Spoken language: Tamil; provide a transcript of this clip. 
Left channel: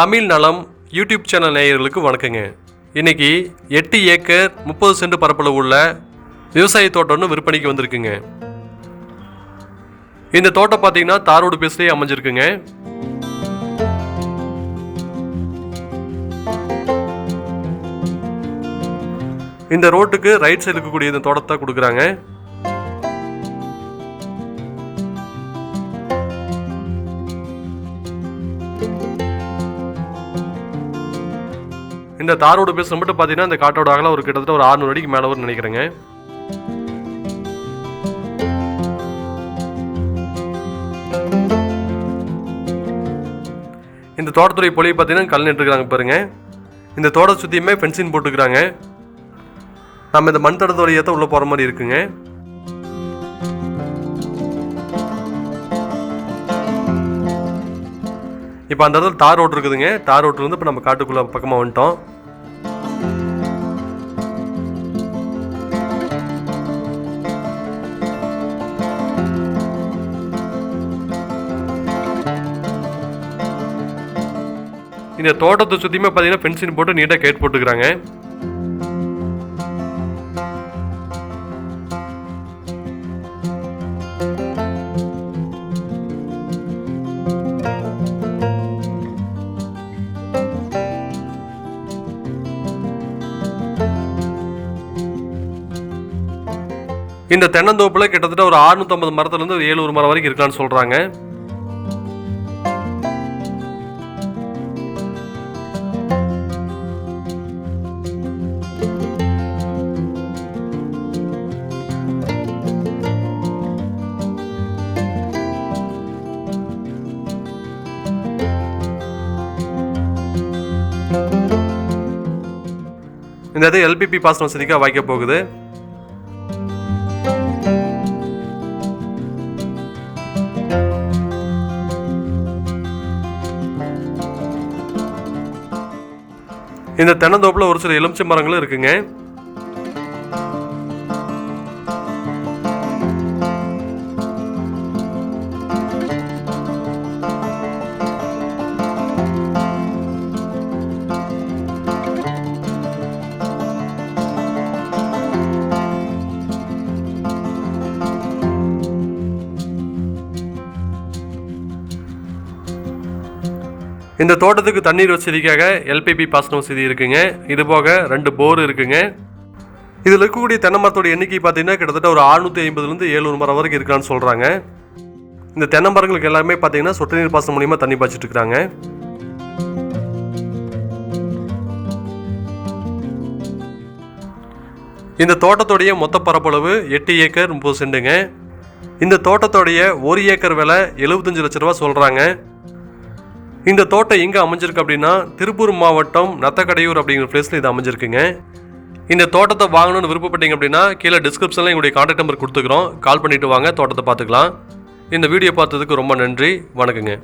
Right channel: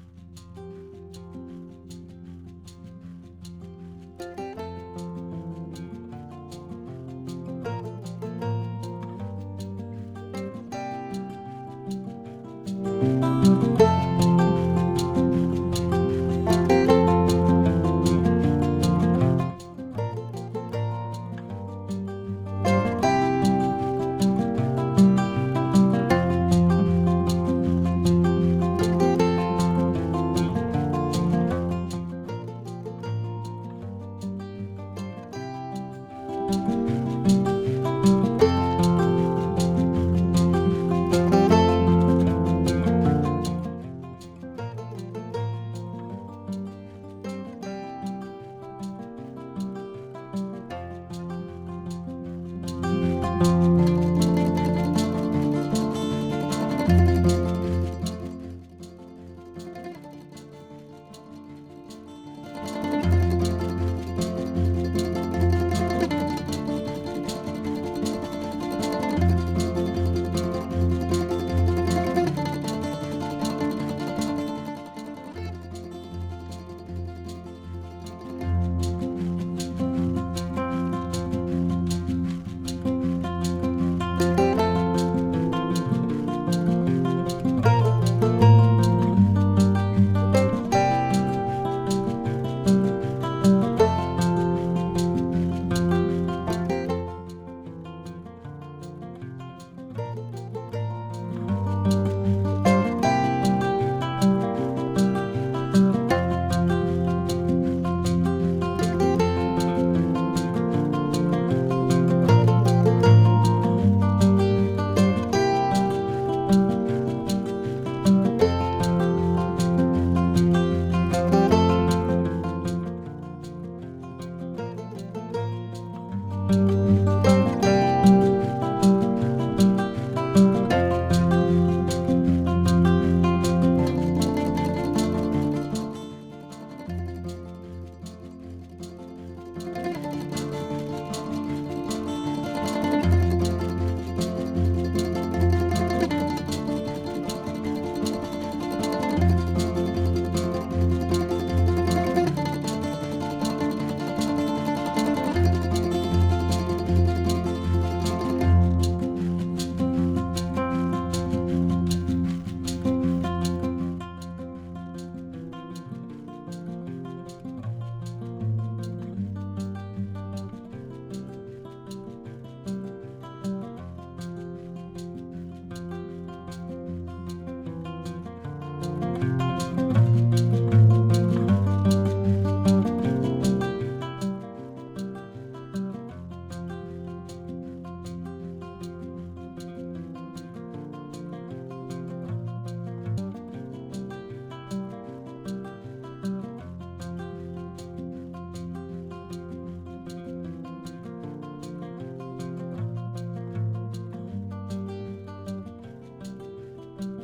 தமிழ் நலம் யூடியூப் சேனல் நேயர்களுக்கு வணக்கங்க. இன்னைக்கு 8 ஏக்கர் 30 சென்ட் பரப்பளவு உள்ள விவசாய தோட்டம் விற்பனைக்கு வந்திருக்குங்க. இந்த தோட்டம் பார்த்தீங்கன்னா தாரோடு பேஸ்லேயே அமைஞ்சிருக்குங்க. இந்த ரோட்டுக்கு ரைட் சைடு இருக்கக்கூடிய இந்த தோட்டத்தை கொடுக்குறாங்க. இந்த தாரோடு பேஸ் மட்டும் பார்த்தீங்கன்னா இந்த காட்டோட அகலம் ஒரு கிட்டத்தட்ட ஒரு 600 அடிக்கு மேலே வரும்னு நினைக்கிறேங்க. இந்த தோட்டத்துறை பொலியை பார்த்தீங்கன்னா கல் நட்டுருக்காங்க பாருங்க. இந்த தோட்டத்தை சுற்றியுமே ஃபென்சிங் போட்டுக்கிறாங்க. நம்ம இந்த மண் தடத்து வழியாக தான் உள்ளே போகிற மாதிரி இருக்குங்க. இப்போ அந்த இடத்துல தார் ரோடு இருக்குதுங்க. தார் ரோட்ல இருந்து இப்போ நம்ம காட்டுக்குள்ள பக்கமாக வந்துட்டோம். இந்த தோட்டத்தை சுற்றியுமே பார்த்தீங்கன்னா ஃபென்சிங் போட்டு நீட்டாக கேட் போட்டுக்கிறாங்க. இந்த தென்னந்தோப்புல கிட்டத்தட்ட ஒரு 650 மரத்துல இருந்து 700 மரம் வரைக்கும் இருக்கலாம்னு சொல்றாங்க. இந்த இது எல்பிபி பாசன வசதிக்காக வாய்க்க போகுது. இந்த தென்னந்தோப்புல ஒரு சில எலுமிச்சை மரங்களும் இருக்குங்க. இந்த தோட்டத்துக்கு தண்ணீர் வசதிக்காக எல்பிபி பாசன வசதி இருக்குங்க. இது போக 2 போர் இருக்குங்க. இதில் இருக்கக்கூடிய தென்னை மரத்தோட எண்ணிக்கை பார்த்தீங்கன்னா கிட்டத்தட்ட ஒரு 650லேருந்து 700 மரம் வரைக்கும் இருக்கான்னு சொல்கிறாங்க. இந்த தென்னை மரங்களுக்கு எல்லாமே பார்த்தீங்கன்னா சொட்டு நீர் பாசனம் மூலியமா தண்ணி பாய்ச்சிட்டு இருக்கிறாங்க. இந்த தோட்டத்தோடைய மொத்த பரப்பளவு 8 ஏக்கர் 30 சென்ட்டுங்க. இந்த தோட்டத்தோடைய 1 ஏக்கர் விலை 75 லட்ச ரூபா சொல்கிறாங்க. இந்த தோட்டம் எங்கே அமைஞ்சிருக்கு அப்படின்னா திருப்பூர் மாவட்டம் நத்தக்கடையூர் அப்படிங்கிற பிளேஸில் இது அமைஞ்சிருக்குங்க. இந்த தோட்டத்தை வாங்கணும்னு விருப்பப்பட்டீங்க அப்படின்னா கீழே டிஸ்கிரிப்ஷனில் எங்களுடைய கான்டாக்ட் நம்பர் கொடுத்துக்கிறோம். கால் பண்ணிவிட்டு வாங்க, தோட்டத்தை பார்த்துக்கலாம். இந்த வீடியோ பார்த்ததுக்கு ரொம்ப நன்றி. வணக்கங்க.